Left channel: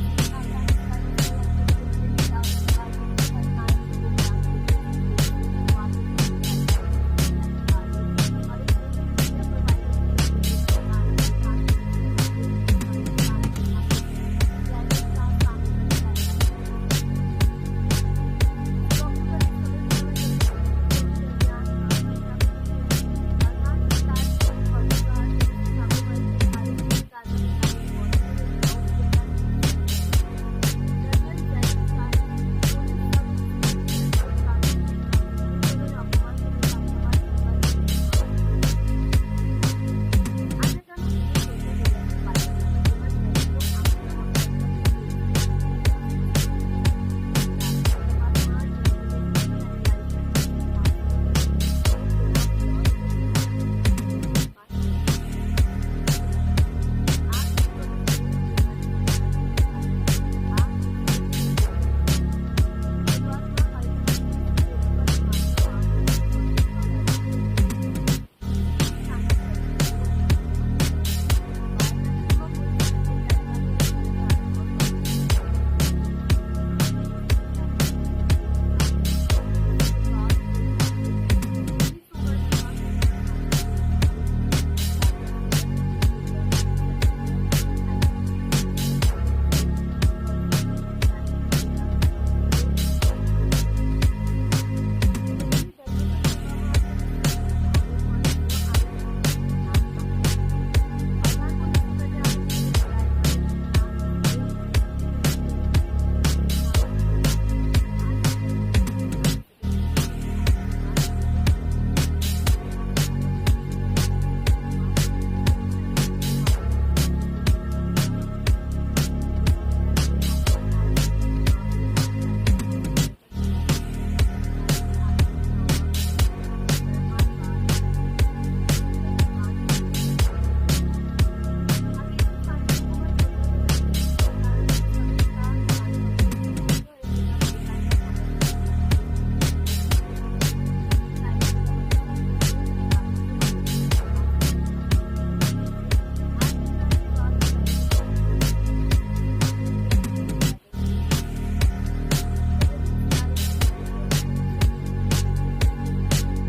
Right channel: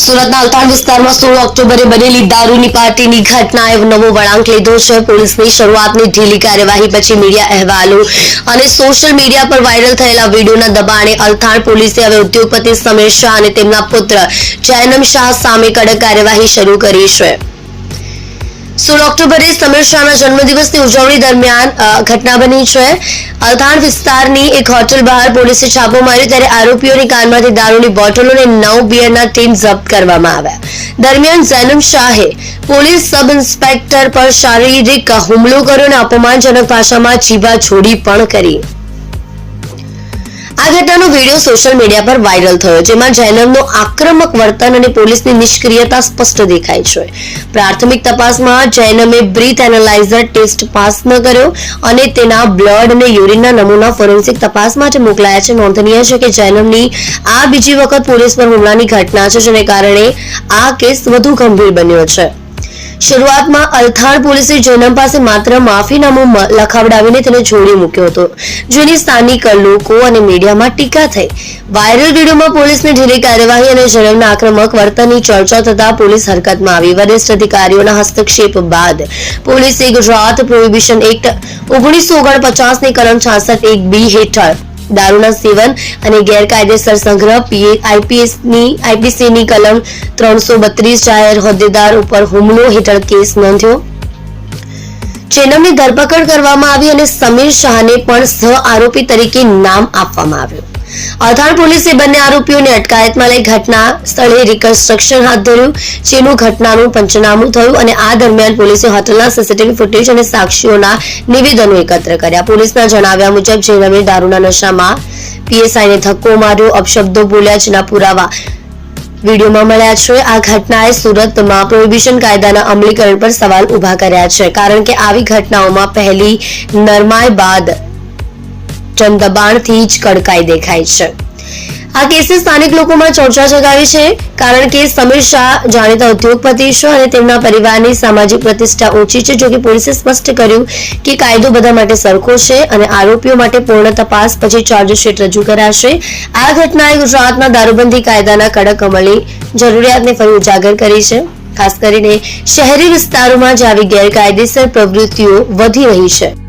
સુરતના અલથાણ વિસ્તારમાં 16 ઓક્ટોબરે બનેલી દારૂની પાર્ટીની ઘટનાએ નવો વળાંક લીધો છે. પોલીસની શરૂઆતની ઢીલી કાર્યવાહી પછી મીડિયા અહેવાલો અને સોશિયલ મીડિયા પર વાયરલ થયેલા વિડીયોના દબાણે અલથાણ પોલીસે હવે ઉદ્યોગપતિ સમીર શાહ અને તેમના પુત્ર જૈનમ શાહ સામે કડક કાર્યવાહી શરૂ કરી છે. 16 ઓક્ટોબરે સમીર શાહના જન્મદિવસની ઉજવણી દરમિયાન ઘટના બની છે. અલથાણ વિસ્તારની એક હોટલ બહાર પોલીસે છાપો માર્યો ત્યારે આરોપીઓની કારમાંથી દારૂની બોટલો અને 9 બિયરના ટીન જપ્ત કરવામાં આવ્યા. દરમિયાન જૈનમ શાહે પોલીસ સબ ઇન્સ્પેક્ટર પર શારીરિક હુમલો કર્યો અને અપમાનજનક ભાષામાં જીભાછોડી પણ કરી. આ ઘટનાનો વિડીયો સોશિયલ મીડિયા પર વાયરલ થયો, જેમાં જૈનમનું આક્રમક વર્તન અને પોલીસની નિષ્ક્રિયતા સ્પષ્ટ દેખાય છે. પ્રાથમિક તપાસમાં જૈનમે બ્રીથ એનાલાઇઝર ટેસ્ટ પાસ ન કર્યો અને તેના બ્લડ અને યુરિનના નમૂના ફોરેન્સિક તપાસ માટે મોકલાયા છે. નોંધનીય છે કે જૈનમની આ બીજી વખત પોલીસ પર હુમલાની ઘટના છે, જેને કારણે આ કેસ વધુ ગંભીર બન્યો છે. શરૂઆતમાં અલથાણ પોલીસે જૈનમ પાસે માત્ર માફીનામું લખાવડાવીને તેને છોડી મૂક્યો હતો, જેની સ્થાનિક લોકો અને મીડિયામાં ટીકા થઈ. વાયરલ વિડીયોમાં પોલીસની ઢીલી કાર્યવાહી અને જૈનમના આક્રમક વર્તનની ચર્ચા થતા પોલીસ હરકતમાં આવી. વરિષ્ઠ અધિકારીઓના હસ્તક્ષેપ બાદ પોલીસે ગુજરાત પ્રોહિબિશન એક્ટ 1949 ની કલમ 66(1)(b) હેઠળ દારૂના સેવન અને ગેરકાયદેસર સંગ્રહ આઈપીસીની કલમ 332 જાહેર હોદ્દેદાર ઉપર હુમલો હેઠળ કેસ નોંધ્યો. જૈનમની ધરપકડ કરવામાં આવી અને સમીર શાહને પણ સહ આરોપી તરીકે નામ આપવામાં આવ્યું. અલથાણ પોલીસે બંને આરોપીઓને અટકાયતમાં લઈ ઘટના સ્થળે રિકન્સ્ટ્રક્શન હાથ ધર્યું, જેનું ઘટનાનું પંચનામું થયું અને આ દરમિયાન પોલીસે હોટલના સીસીટીવી ફૂટેજ અને સાક્ષીઓના નિવેદનો એકત્ર કર્યા. પોલીસના જણાવ્યા મુજબ જૈનમે દારૂના નશામાં પીએસઆઈને ધક્કો માર્યો, અપશબ્દો બોલ્યા, જેના પુરાવા વિડીયોમાં મળ્યા છે. આ ઘટનાએ સુરતમાં પ્રોહિબિશન કાયદાના અમલીકરણ પર સવાલ ઉભા કર્યા છે, કારણ કે આવી ઘટનાઓમાં પહેલી નરમાઈ બાદ જનદબાણથી જ કડકાઈ દેખાય છે. આ કેસે સ્થાનિક લોકોમાં ચર્ચા જગાવી છે, કારણ કે સમીર શાહ જાણીતા ઉદ્યોગપતિ છે અને તેમના પરિવારની સામાજિક પ્રતિષ્ઠા ઓછી છે. જોકે પોલીસે સ્પષ્ટ કર્યું કે કાયદો બધા માટે સરખો છે અને આરોપીઓ માટે પૂર્ણ તપાસ પછી ચાર્જશીટ રજૂ કરાશે. આ ઘટનાએ ગુજરાતના દારૂબંધી કાયદાના કડક અમલની જરૂરિયાતને ફરી ઉજાગર કરી છે, ખાસ કરીને શહેરી વિસ્તારોમાં જે આવી ગેરકાયદેસર પ્રવૃત્તિઓ વધી રહી છે.